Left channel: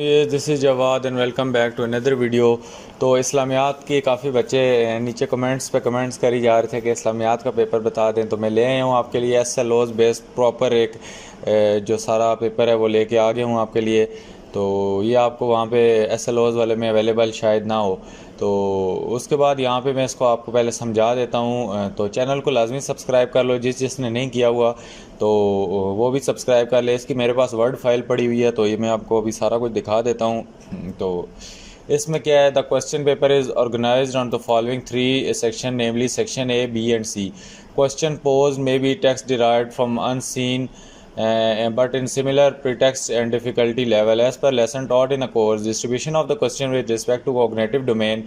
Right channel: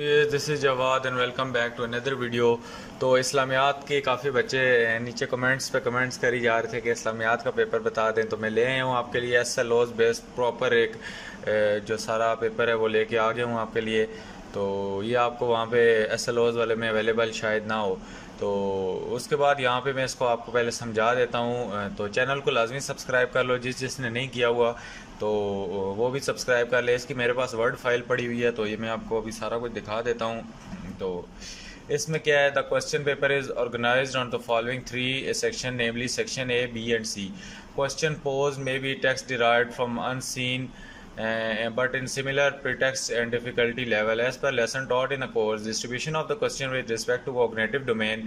This is Jawad and welcome back to another video. तो इस्लामियात के काफ़ी बच्चे नीचे कमेंट्स पे कमेंट्स करी जा रहे थे कि इस्लामियात का पेपर बता दें, तो मैं ले आया हूँ आपके लिए S L Os based proper एक जो सारा पेपर है वो लेके आ गया हूँ आपके लिए। तो ये आपको वहाँ पे एस एल ओज़ वाले में अवेलेबल शायद ना हो, तो उसके बाद यहाँ पे मैं इसको आपको पहले समझा देता हूँ। तो चैनल को लाजमी सब्सक्राइब कर लो, जिसने नहीं किया हुआ तो वो भी सब्सक्राइब कर ले। इसकी मेरे पास वर्ड फाइल पड़ी हुई है, तो ये मैं आपको अभी सारा कुछ दिखा देता हूँ। तो इसमें क्या है, the question paper is organised on the following three section, namely section A, B and C. Question pose may be text derived from unseen but in similar pretext and difficulty level as per lesson taught in a course. Distribution of the question with respect to cognitive domain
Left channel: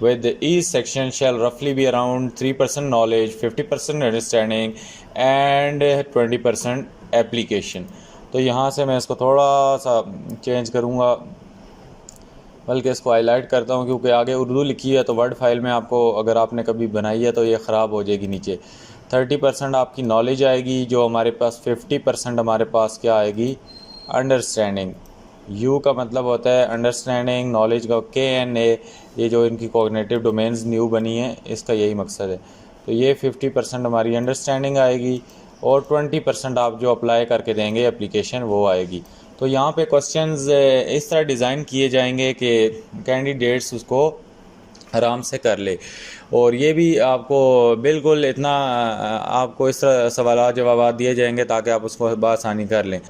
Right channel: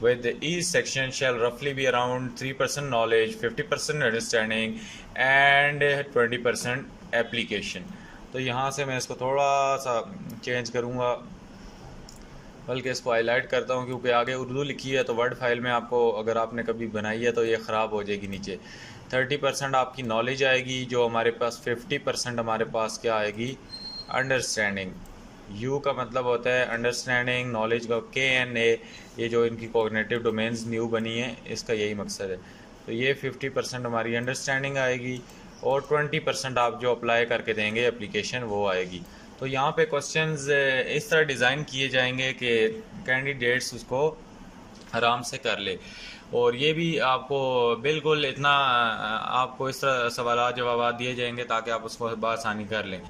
with each section shall roughly be around 3% knowledge, 50% understanding and 20% application. तो यहाँ से मैं इसको थोड़ा सा change करूँगा, बल्कि इसको हाईलाइट करता हूँ क्योंकि आगे उर्दू लिखी है, तो वर्ड फाइल में आपको अगर आपने कभी बनाई है तो ये ख़राब हो जाएगी। नीचे 30% आपकी नॉलेज आएगी, जो हमारे पास 50% हमारे पास क्या आएगी, अंडरस्टैंडिंग। यू का मतलब होता है अंडरस्टैंडिंग, नॉलेज का के एन ए, ये जो इनकी कॉग्निटिव डोमेन्स न्यू बनी है इसका यही मकसद है। तो ये 50% हमारी अंडरस्टैंडिंग आएगी और 20% आप जो अप्लाई करके देंगे एप्लीकेशन वो आएगी। तो यहाँ पे क्वेश्चंस इस तरह डिज़ाइन किए जाएंगे कि कैंडिडेट्स उसको आराम से कर ले, और ये भी आपको बिल्कुल इतना आपको इस तरह सवाल जवाब दिए जाएंगे ताकि आप उसको बआसानी कर लें।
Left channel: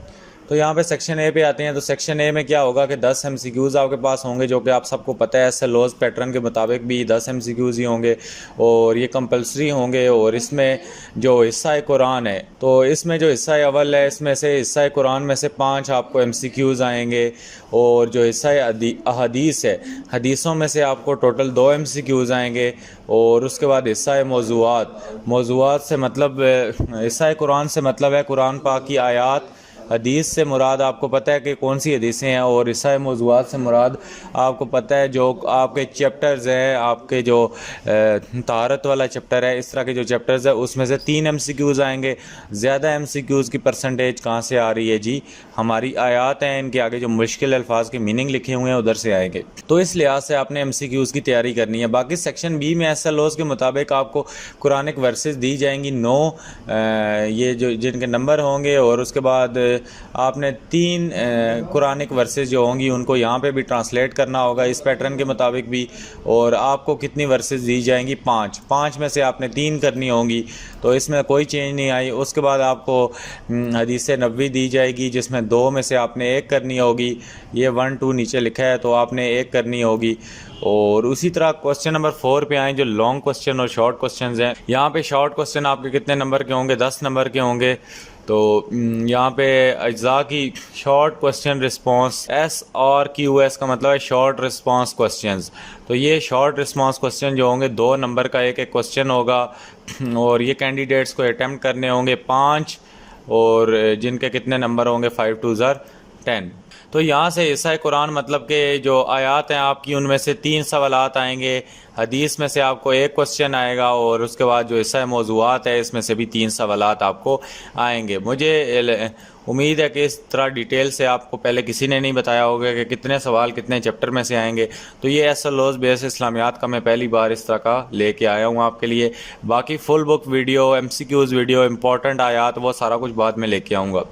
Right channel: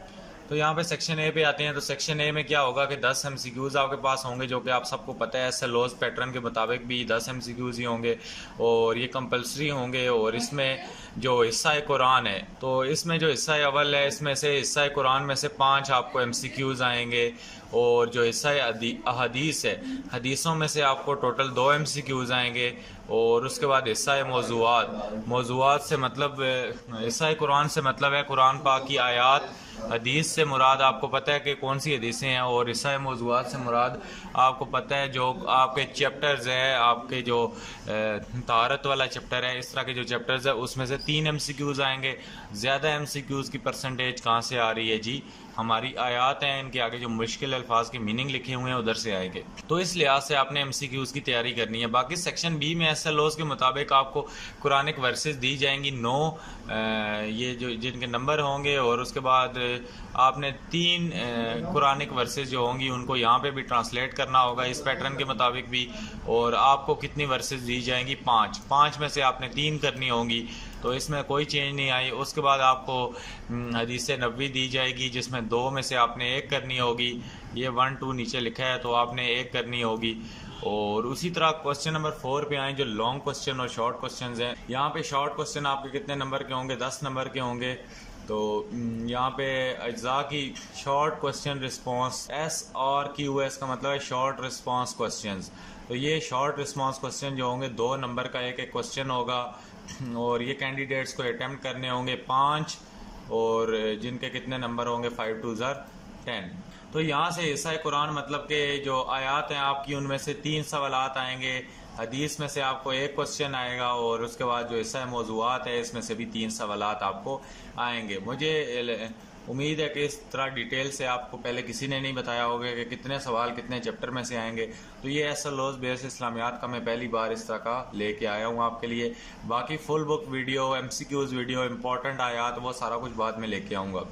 तो यहाँ पे सेक्शन ए पे आते हैं। तो सेक्शन ए में क्या होगा कि 10 एमसीक्यूज़ आपके पास होंगे, जो कि आप सबको पता है एसएलओज़ पैटर्न के मुताबिक भी 10 एमसीक्यूज़ ही होंगे और ये कंपलसरी होंगे। और इसमें जो हिस्सा कुरान है, तो इसमें जो हिस्सा अव्वल है, इसमें से हिस्सा कुरान में से 5 आपको एमसीक्यूज़ आएंगे, और जो हिस्सा हदीस है, हदीसों में से आपको टोटल 2 एमसीक्यूज़ आएंगे। और उसके बाद हिस्सा मौज़ूआत से मतलब हिस्सा कुरान से मतलब है कुरान पाक की आयात। हदीस से मुराद आपको पता है कि कौन सी हदीसें हैं, और हिस्सा मौज़ूआत से मुराद आपको पता है जो आपके चैप्टर्स है, आपके जो तहारत वाला चैप्टर है, इस तरह के जो चैप्टर्स है उसमें से 3 एमसीक्यूज़ आएंगे। ज़्यादा एमसीक्यूज़ की परसेंटेज कहाँ से आ रही है जी, हमारी आयात हैं, इनके आगे जो मुश्किल अल्फाज के मीनिंग लिखे हुए हैं उधर से आएंगे। तो इस लिहाज से आपने एमसीक्यूज़ की तैयारी करनी है। बाकी सेक्शन बी में एसएलओज़ के मुताबिक आपको कुरानिक वर्सेस दी जाएंगी 9, ये जो जिनके नंबर होंगे, और उसके बाद आपने 3 कुरानिक वर्सेस जो होंगी उनको यहाँ पे भी ट्रांसलेट करना होगा इस पैटर्न के मुताबिक भी। और आपको कितनी वर्सेस दी जाएंगी, 5 में से आपने 3 करनी होंगी, तो इसमें कोई चेंज नहीं आई। उसके बाद आपको हदीस नबवी दी जाएगी, जिसमें 2 में से आपने 1 करनी होगी। ये 1 2 नीचे लिखा है, तो आपने 1 करनी होगी। और उसी तरह क्वेश्चन नंबर 4 पे आए, जो लॉन्ग क्वेश्चन और शॉर्ट क्वेश्चन हैं। यहाँ पे शॉर्ट क्वेश्चन आपके कितने नंबर के होंगे, 10 नंबर के होंगे। तो यहाँ पे अज्जा की शॉर्ट क्वेश्चन रिस्पांस, एस और क्यू एस का मतलब है शॉर्ट रिस्पांस क्वेश्चंस। तो ये शॉर्ट रिस्पांस क्वेश्चन जो होंगे 2 नंबर का एक क्वेश्चन होगा, और ये कैंडिडेट्स को अटैम्प्ट करने होंगे 5, और जिनके कितने नंबर होंगे 5 2 10। तो यहाँ से हिस्सा कुरान मतलब कि जो आयात हैं आपकी, उनमें से 3 सवालात आएंगे। हदीस में से आपको 1 क्वेश्चन आएगा, और उसके बाद जो हिस्सा मौज़ूआत है इसमें से भी 3 सवालात आपको आएंगे। मुझे उम्मीद है कि इस तरह डिटेल से आपको पहले किसी ने नहीं बताया होगा कि कितने सवाल कितने चैप्टर में से आएंगे। तो ये एसएलओज़ बेस इस्लामियात का मैं पहली बार इस तरह का लेके आया हूँ आपके लिए। बाकी full book video, MCQs video, important आयात, वो सारा कुछ बाद में लेके आऊँगा।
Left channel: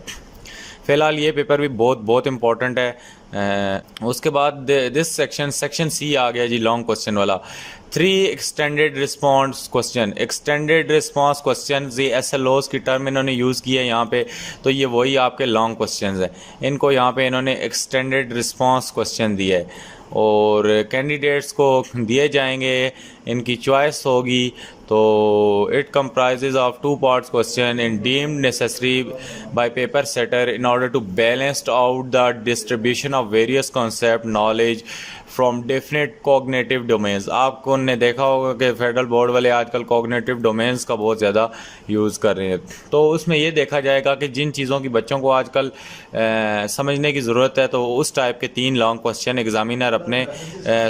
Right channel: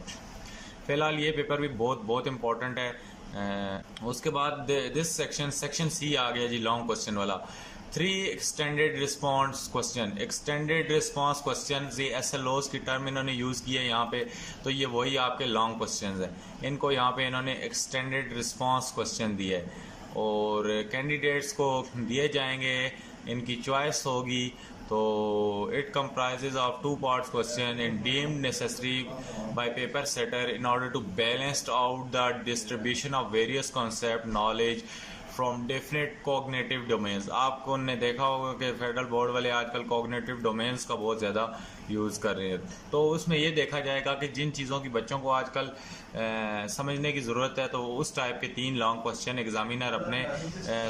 फ़िलहाल ये पेपर भी बहुत इंपॉर्टेंट है। उसके बाद दिस सेक्शन सी आ गया जी, लॉन्ग क्वेश्चन वाला। 3 extended response question. Extended response question ये एसएलओज़ की टर्म इन्होंने यूज़ की है यहाँ पे, तो ये वही आपके लॉन्ग क्वेश्चन हैं। इनको यहाँ पे इन्होंने एक्सटेंडेड रिस्पॉन्स क्वेश्चन दिया है, और कैंडिडेट्स को दिए जाएंगे, इनकी चॉइस होगी। तो it comprises of 2 parts question and deemed necessary by paper setter in order to balance out the distribution of various concept knowledge from definite cognitive domains। आपको ने देखा होगा कि फेडरल बोर्ड वाले आजकल cognitive domains का बहुत ज़्यादा यूज़ कर रहे हैं। तो उसमें ये देखा जाएगा कि जिन चीज़ों की बच्चों को आजकल समझने की ज़रूरत है, तो उस टाइप के 3 लॉन्ग क्वेश्चन एग्जामिनर अपने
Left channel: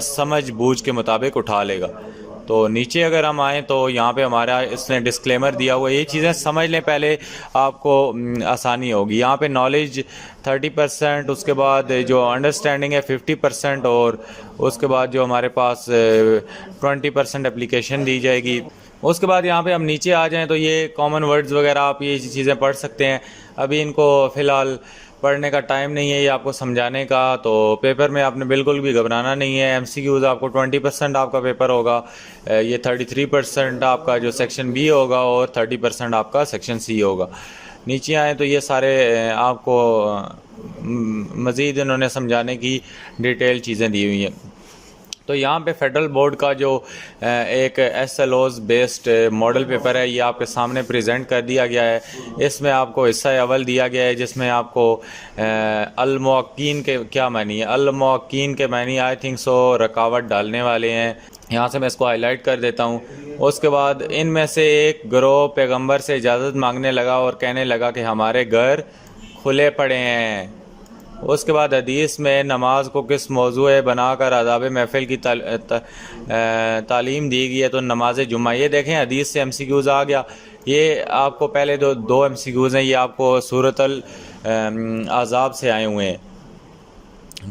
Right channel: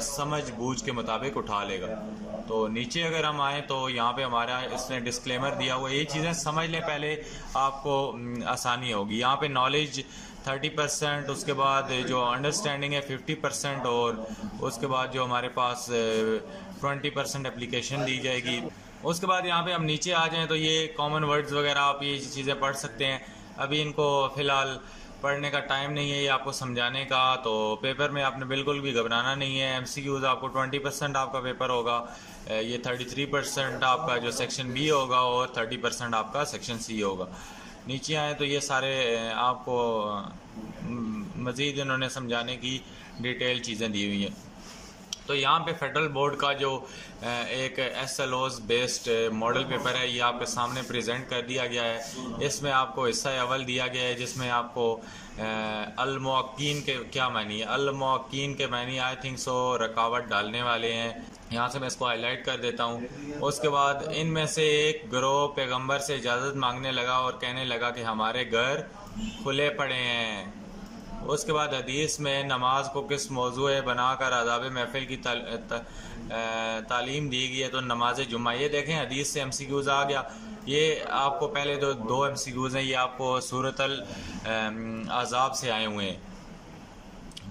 समझ बूझ के मुताबिक उठा लेगा। तो नीचे अगर हम आएँ तो यहाँ पे हमारा इसने डिस्क्लेमर दिया हुआ है, ये चीज़ें समझ लें पहले, आपको आसानी होगी। यहाँ पे नॉलेज 30%, उसके बाद जो अंडरस्टैंडिंग है 50%, और उसके बाद जो हमारे पास 20% एप्लीकेशन दी जाएगी। उसके बाद यहाँ पे हम नीचे आ जाएं तो ये कॉमन वर्ड्स वगैरह आप ये चीज़ें पढ़ सकते हैं। अभी इनको फ़िलहाल पढ़ने का टाइम नहीं है, ये आपको समझाने का। तो पेपर में आपने बिल्कुल भी घबराना नहीं है। एमसीक्यूज़ आपको 20% आपका पेपर होगा, ये 33% आपका जो सेक्शन बी होगा, और 30% आपका सेक्शन सी होगा। नीचे आए तो ये सारे आपको मज़ीद इन्होंने समझाने की डिटेल चीज़ें दी हुई हैं। तो यहाँ पे फेडरल बोर्ड का जो एक SLOs बेस्ड मॉडल पेपर है, ये आपके सामने प्रेजेंट कर दिया गया है। इसमें आपको हिस्सा अव्वल दिया गया है, जिसमें आपको अल-मुअक्कीन के क्या मानी है। अल-मुअक्कीन के मानी आई थिंक सो रुकावट डालने वाले हैं। यहाँ से मैं इसको हाईलाइट कर देता हूँ। उसके बाद इनमें से एक गिरोह पैगंबर से इजाज़त मांगने लगा और कहने लगा कि हमारे घर खुले पड़े हैं। उसके बाद हदीस में नमाज को किस मौजू बनाकर आदाब महफिल की तालीम दी गई है, तो नमाज जुम्मा। ये देखें हदीस से MCQs आ गया। ये आपको पहले दो MCQs हैं, ये आपको सूरतल आज़ाब से आए हुए हैं।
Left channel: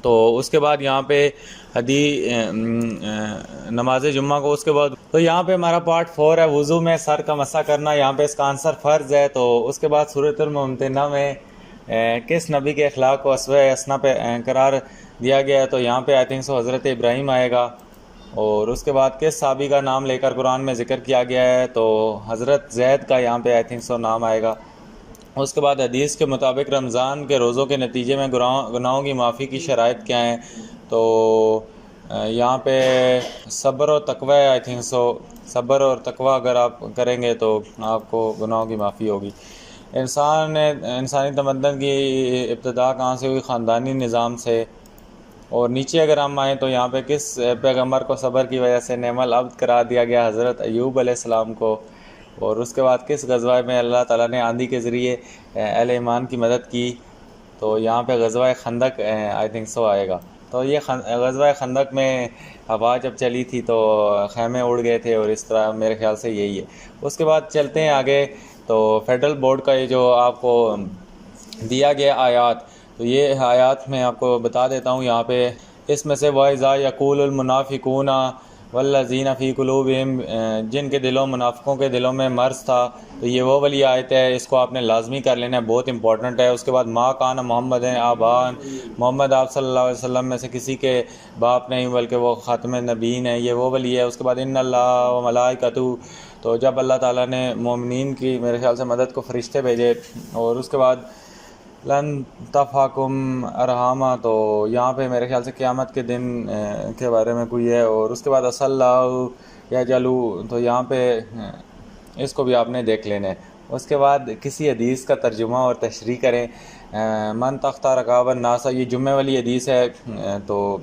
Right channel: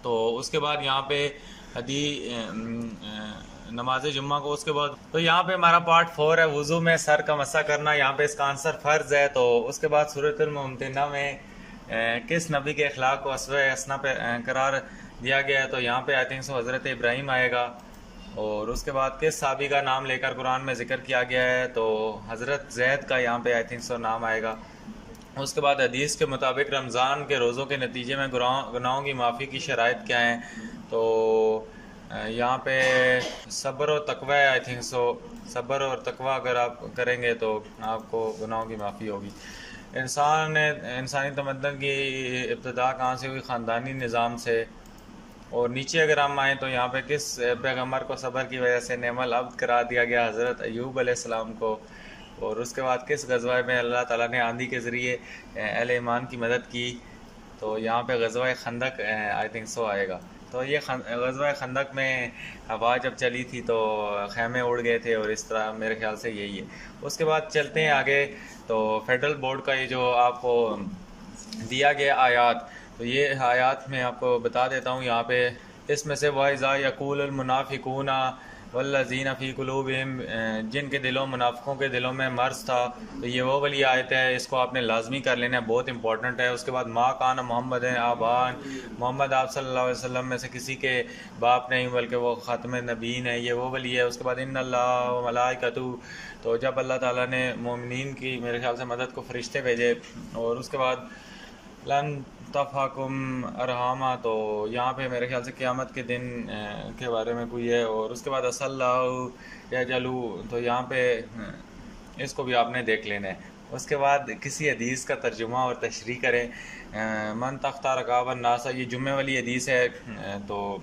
तो उसके बाद यहाँ पे नमाज जुम्मा को, उसके बाद तो यहाँ पे हमारा पार्ट 4 है, वज़ू में सर का मसा करना। यहाँ पे इसका आंसर फ़र्ज़ है। तो उसके बाद सूरतुल मुमतहिना में किस नबी के अखलाक को अस्वे असना पे करार दिया गया है, तो यहाँ पे आई थिंक सो हज़रत इब्राहीम आएगा। और उसके बाद किस साहबी का नाम लेकर कुरान में ज़िक्र किया गया है, तो हज़रत ज़ैद का यहाँ पे आई थिंक सो नाम आएगा। उसके बाद हदीस के मुताबिक रमज़ान के रोज़ों के नतीजे में गुनाहों की माफ़ी की शराइत क्या हैं, तो यहाँ पे सब्र और तकवा है। आई थिंक सो सब्र और तकवा अगर आप करेंगे तो आपको गुनाहों की माफ़ी होगी। इंसानी तमद्दन की इब्तिदा कहाँ से हुई, ख़ानदानी निज़ाम से। और नीचे अगर हम आएँ तो यहाँ पे किस पैगम्बर को सब्र की वजह से नेमल अब्द करार दिया गया, हज़रत अय्यूब अलैहिस्सलाम को। और उसके बाद किस गज़वा में अल्लाह ताला ने आंधी के ज़रिए अहले ईमान की मदद की, तो यहाँ पे गज़वा खंदक आई थिंक सो आएगा। तो ये गज़वा खंदक में हवा जब चली थी तो खैमे उड़ गए थे, और इस तरह मेरे ख्याल से यही है। उसके बाद चलते हैं आगे। तो फेडरल बोर्ड का ये जो आपको दिया गया आयात, तो ये आयात मैं आपको बता देता हूँ। यहाँ पे इसमें से वाइज़ा यक़ूलुल मुनाफ़िक़ूना वल्लज़ीना फ़ी क़ुलूबिहिम, जिनके दिलों मुनाफ़िकों के दिलों में मर्ज़ था, तो ये वो वाली आयत है। इसको आपने लाजमी कर लेना है, बहुत इंपॉर्टेंट है। उसके बाद मा कान मोहम्मद आबान, मोहम्मद आप सल्लल्लाहु अलैहि वसल्लम में से किसी के बाप नहीं बल्कि वो ख़ातम नबीन है, ये वो वाली है। उसके बाद इन्नल्लाह व मलाइकतु, तो जब अल्लाह ताला ने मोमिनीन की मेरे ख्याल से मदद को फ़रिश्ते भेजे। और उसके बाद लन तफ़ाकुम अरहामा, तो यहाँ पे मेरे ख्याल से क़यामत के दिन के बारे में कोई है। और उसके बाद असल्लाहु या जलू, तो यहाँ पे इसको भी आपने देख लेना है। उसके बाद किसी हदीस का तर्जुमा और तशरीह करें। मन तख्ता रकाबन नासा, ये जुम्मे वाली हदीस है। तो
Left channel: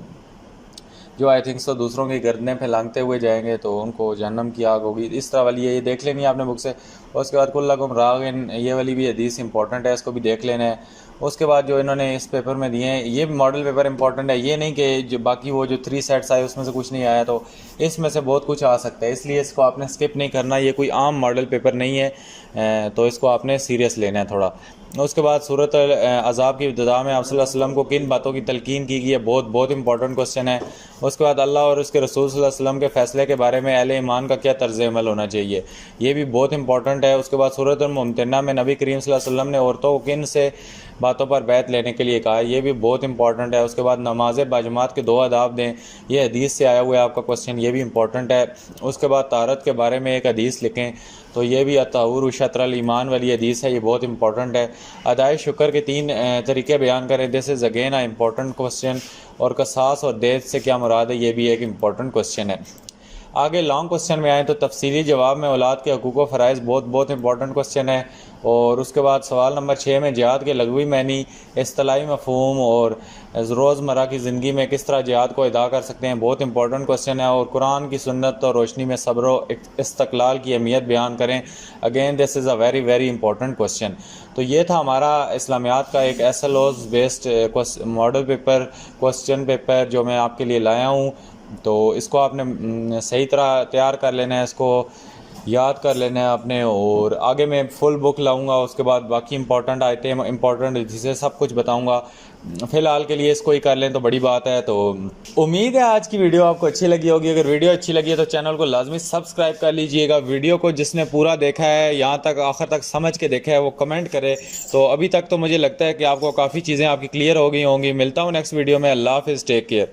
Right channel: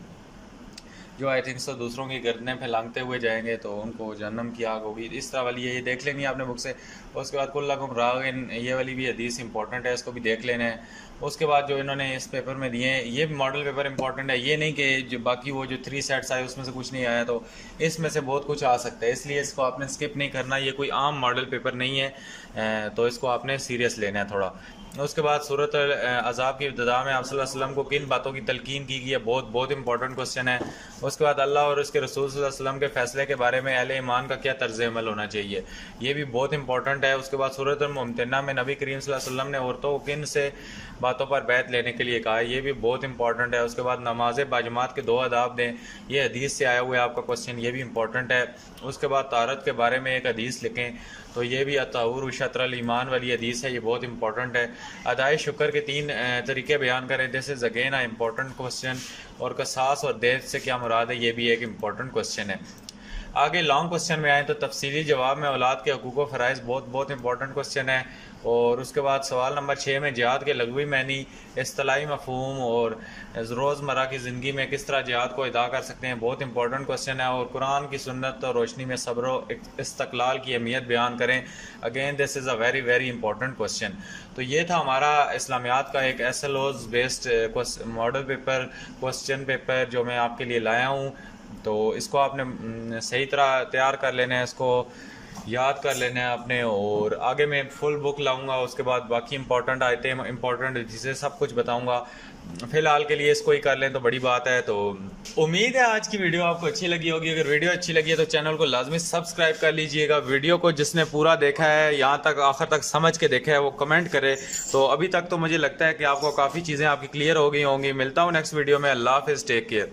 जो आई थिंक सो दूसरों की गर्दनें फैलाते हुए जाएंगे तो उनको जहन्नम की आग होगी, इस तरह वाली है, ये देख लेनी है आपने बुक से। उसके बाद कुल्लकुम रागिन, ये वाली भी हदीस इंपॉर्टेंट है, इसको भी देख लेना है। उसके बाद जो इन्होंने इस पेपर में दिए हैं, ये मॉडल पेपर इंपॉर्टेंट है। ये नहीं कि जो बाकी वो जो 3 सेट्स आए उसमें से कुछ नहीं आया, तो इसमें से बहुत कुछ आ सकता है, इसलिए इसको आपने स्किप नहीं करना। ये कोई आम मॉडल पेपर नहीं है, तो इसको आपने सीरियस लेना है थोड़ा। उसके बाद सूरत अज़ाब की इब्तिदा में आप सल्लल्लाहु अलैहि वसल्लम को किन बातों की तलकीन की गई है, बहुत इंपॉर्टेंट क्वेश्चन है। उसके बाद अल्लाह और उसके रसूल सल्लल्लाहु अलैहि वसल्लम के फ़ैसले के बारे में अहले ईमान का क्या तर्ज़ अमल होना चाहिए, ये भी बहुत इंपॉर्टेंट है। उसके बाद सूरत मुमतहिना में नबी करीम सल्लल्लाहु अलैहि वसल्लम ने औरतों को किन से बातों पर बैत लेने के लिए कहा है, ये भी बहुत इंपॉर्टेंट है। उसके बाद नमाज बाजमात के 2 आदाब दें, ये हदीस से आया हुआ है आपका क्वेश्चन, ये भी इंपॉर्टेंट है। उसके बाद तारत के बारे में एक हदीस लिखें, तो ये भी अताउर शत्रल ईमान वाली हदीस है, ये बहुत इंपॉर्टेंट है। अदाए शुक्र के 3 तरीके बयान करें, this is again a important question. और कसास और देश से क्या मुराद है, ये भी एक इम्पॉर्टेंट क्वेश्चन है। आगे लॉन्ग क्वेश्चन में आए तो तफसीली जवाब में औलाद के हकूक़ व फ़राइज़ बहुत इंपॉर्टेंट क्वेश्चन है। और उसके बाद सवाल नंबर 6 में जिहाद के लगवी मैनी, इस्तिलाही मफ़हूम और रोज़मर्रा की ज़िंदगी में किस तरह जिहाद को अदा कर सकते हैं, बहुत इंपॉर्टेंट क्वेश्चन है। और कुरान की सुन्नत और रोशनी में सब्र व इस्तक़लाल की अहमियत बयान करें, again this is a very important question. तो ये था हमारा इस्लामियात का एक SLOs based model paper question paper जो मैं आपके लिए लाया हूँ। तो इसको आपने सही तरह तैयार कर लेना है, इसको याद कर लेना है आपने। और आगे मैं फुल बुक लाऊंगा, उसके बाद बाकी इंपॉर्टेंट आइटम इंपॉर्टेंट जिसे सब कुछ बताऊंगा। फ़िलहाल के लिए इसको ही कर लें तो बड़ी बात है। तो उम्मीद है आज की वीडियो आपको अच्छी लगी होगी। अगर वीडियो अच्छी लगी है तो चैनल को लाजमी सब्सक्राइब कर लीजिएगा। वीडियो को जिसने पूरा देखा है, यहाँ तक आखिर तक समझ के देखा है, वो कमेंट करे। तो अभी तक तो मुझे लगता है कि आपको काफ़ी चीज़ें आपकी क्लियर हो गई होंगी। मिलता हूँ नेक्स्ट वीडियो में। अल्लाह हाफिज़, टेक केयर।